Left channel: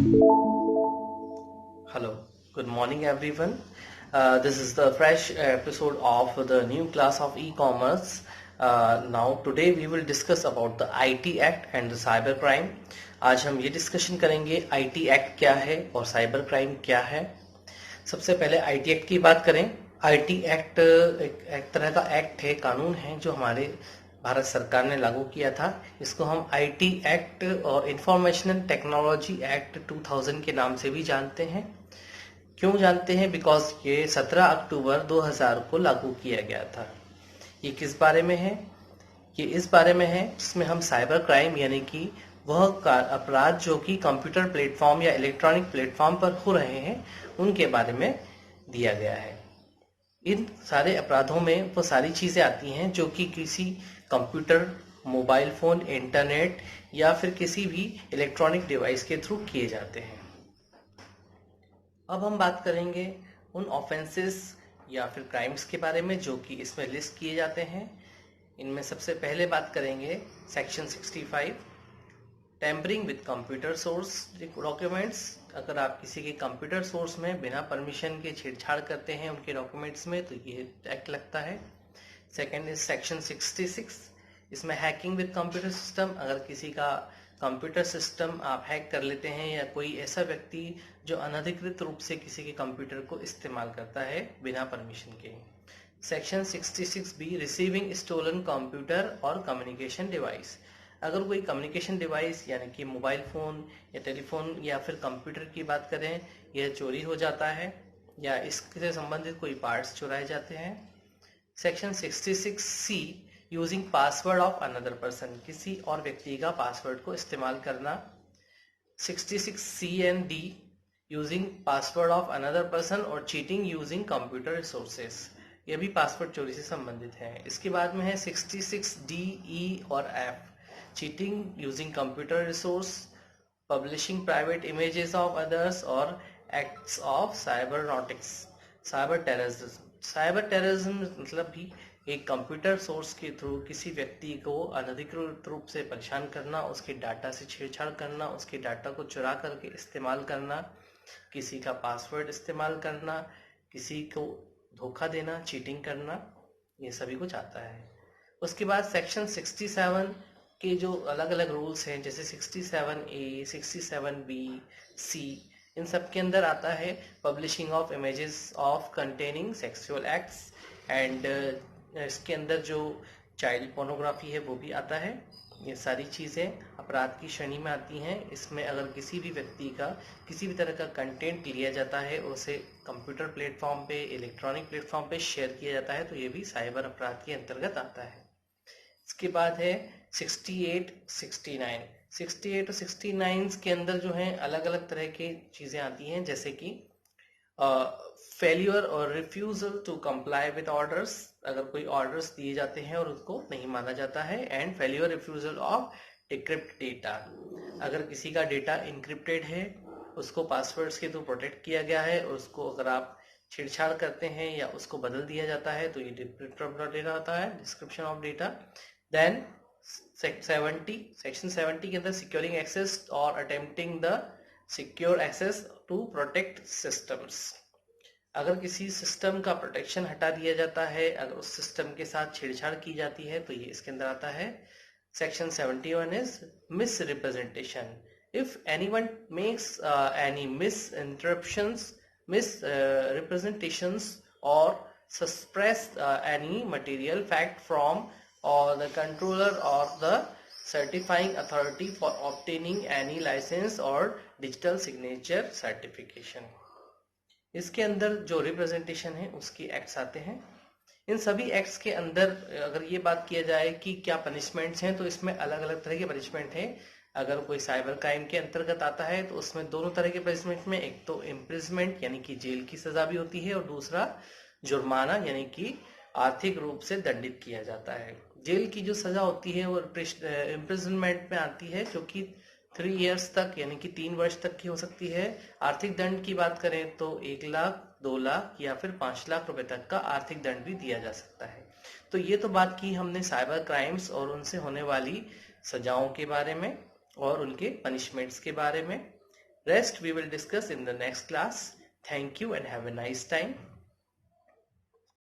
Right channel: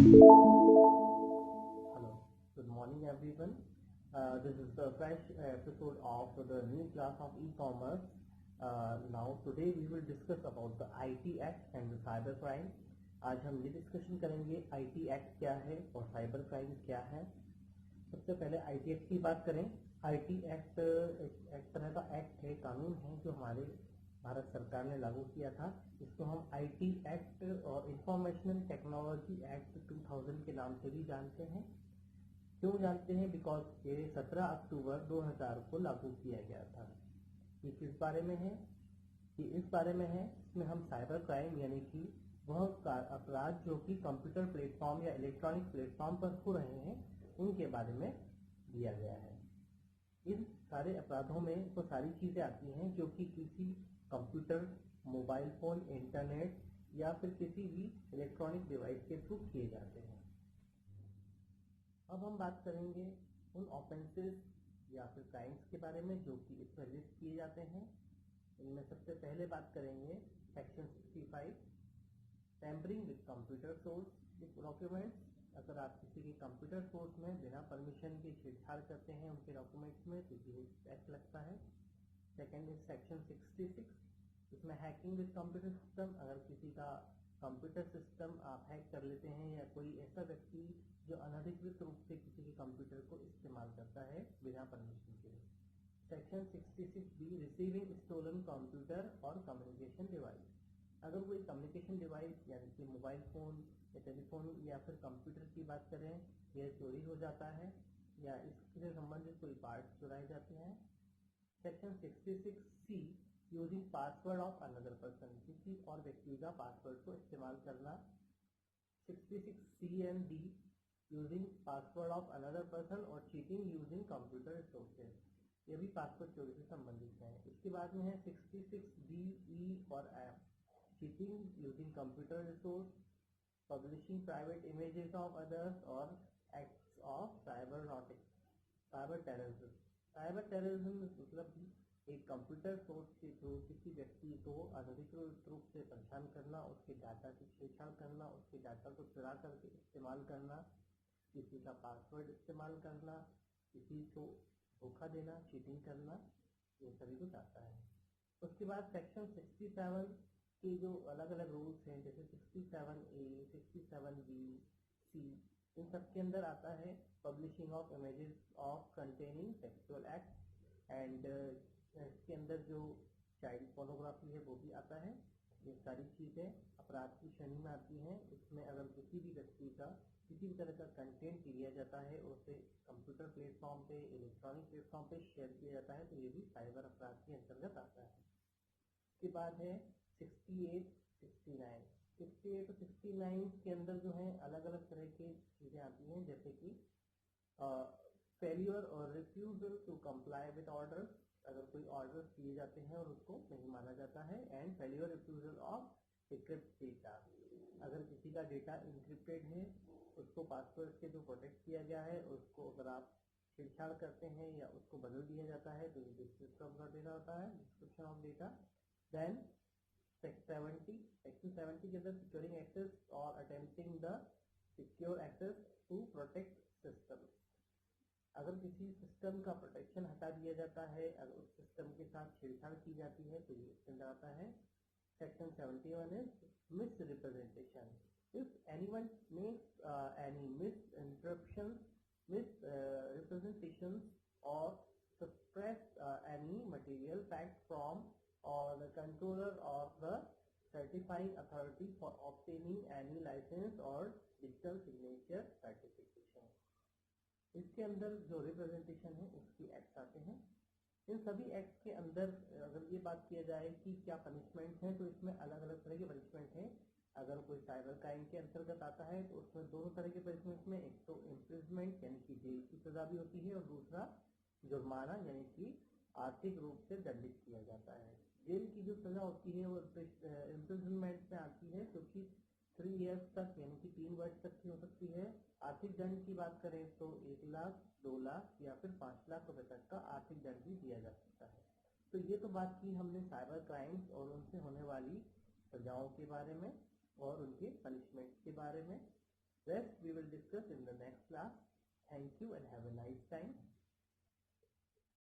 Hello, good morning everyone. This is the fresh episode of the new class of e-commerce. Now today we will discuss about the IT Act and the cyber crime. आज हम ये discussion करेंगे IT Act क्या है और cyber crime क्या है. सबसे पहले IT Act की बात करें. IT Act एक तरह का एक्ट है, कानून है जो हमारे भारत सरकार ने लागू किया था. इसको हम IT एक्ट और इंफॉर्मेशन टेक्नोलॉजी एक्ट 2000 के नाम से भी जानते हैं. क्यों जानते हैं? बिकॉज ये 17 अक्टूबर 2000 को लागू किया गया था. ये किस बारे में है? ये इस बारे में है जिसमें हम साइबर क्राइम यानी कि वह अपराध जो कि कंप्यूटर प्लेटफॉर्म या इलेक्ट्रॉनिक प्लेटफॉर्म पर हो रहे हैं उनके बारे में दिया गया है. इन सारे अपराधों में वो सारी चीज़ें आती हैं जो कि किसी कंप्यूटर, मोबाइल फ़ोन, इंटरनेट या फिर किसी भी इलेक्ट्रॉनिक डिवाइस के थ्रू किए जाते हैं. अब हम बात करेंगे उन ऑफेंसेस या फिर क्राइम्स के बारे में जो कि इसमें लिस्ट किए जाते हैं. इनमें सबसे पहले बात करेंगे section 65, tampering with computer source documents. अगर आप किसी के कंप्यूटर सोर्स में बिना परमिशन के छेड़छाड़ करते हैं उनके डॉक्यूमेंट्स में तो ये एक्ट लगता है. सेकेंड इज सेक्शन 66, इसमें हैकिंग विद कंप्यूटर सिस्टम. अगर किसी का कंप्यूटर सिस्टम आप हैक कर लेते हैं या कोई ऐसा व्यक्ति जो अनधिकृत रूप से किसी के कंप्यूटर को इस्तेमाल करता है बिना परमिशन के. Section 66B, receiving stolen computer और कम्युनिकेशन डिवाइस. अगर कोई कम्युनिकेशन डिवाइस यानी कि मोबाइल फ़ोन या टेलीफोन या फिर कंप्यूटर की बात करें, यह चोरी हो जाता है या इससे संबंधित कोई पार्ट्स चुराए जाते हैं. Section 66C, using password of another person, किसी और व्यक्ति का पासवर्ड को इस्तेमाल करना. 66C and D, using password of another person और चीटिंग यूजिंग कंप्यूटर रिसोर्सेस, ये भी पासवर्ड चोरी से संबंधित है. इसके बाद में है 66D, E और F, cheating using computer resource, publishing private images of others और acts of cyber nautics. Cyber terrorism. Cyber terrorism मतलब भी एक कंप्यूटर सोर्स के थ्रू किसी व्यक्ति को अनधिकृत रूप से परेशान करना, उसके डाटा से छेड़छाड़ करना, उसके डाटा को चुरा करके इस्तेमाल करना, किसी का पासवर्ड इस्तेमाल करना, किसी को धोखा देना, चीटिंग करना, ये सभी कुछ आता है. उसके बाद सेक्शन 67 के जो अलग अलग रूल्स हैं जैसे 67A, 67B, C, इन सब के अंदर आता है publishing of images of containing sexual acts and इसके अंदर जो चाइल्ड पोर्नोग्राफी है वो भी आता है. ये सारी चीज़ें अपराध की श्रेणी में आती हैं. इसमें अगर किसी भी व्यक्ति का किसी भी तरह का कंटेंट लिया जाता है और उसे कंप्यूटर प्लेटफॉर्म पे, इलेक्ट्रॉनिक प्लेटफॉर्म पे शेयर किया जाता है तो ये भी साइबर अपराध के अंतर्गत आता है. इसके बाद है 68, 69. 68 और 69 के अंदर जो है अलग अलग तरह की चीज़ें आती हैं जैसे कि फेल्यूर और refusal to comply with orders. अगर कोई ऑर्डर्स दिए जाते हैं और उसको नहीं माना जाता है. And failure refusal of decrypt data. अगर किसी का डेटा इनक्रिप्टेड है, उसको पासवर्ड्स के थ्रू प्रोटेक्ट किया गया है और उसको अगर आप छेड़छाड़ करते हैं या उसको बदल दिया जाता है तो ये डिक्रिप्ट ऑफ डेटा होता है, description of data. Then section 70 के अंदर सिक्योरिंग एक्सेस और attempting the secure access to protect systems. अगर किसी सिस्टम का प्रोटेक्शन हटा दिया जाता है, अगर उस सिस्टम के साथ छेड़छाड़ की जाती है तो ये इसके अंदर आता है. Section 71 is miss representation. If anyone makes any miss interruptions, miss representations or suppress any material fact from or the controller or the certifying authority for obtaining any license or digital signature certification. इसके अंदर जो representation है उसके acts आते हैं. इन सभी acts के अंदर अगर ये बात किया जाए कि क्या पनिशमेंट्स हैं तो इसमें अलग अलग तरह के पनिशमेंट हैं. अगर कोई साइबर क्राइम के अंतर्गत आता है तो उसमें दोनों तरह के पनिशमेंट में एक तो इम्प्रिजमेंट यानी कि जेल की सजा भी होती है और दूसरा जुर्माना यानी कि आर्थिक रूप से दंडित किया जाता है. जेल की जो सजा होती है वो इम्प्रिजनमेंट में आती है जो कि 3 years तक यानी कि 3 वर्ष तक की हो सकती है. आर्थिक दंड की बात करें तो 1 लाख, 2 लाख या फिर 5 लाख रुपए तक का आर्थिक दंड भी दिया जा सकता है. तो ये तो बात की हमने साइबर क्राइम्स और उनसे होने वाली सजाओं के बारे में और उनके पनिशमेंट्स के बारे में. Rest we will discuss in the next class. Thank you and have a nice time.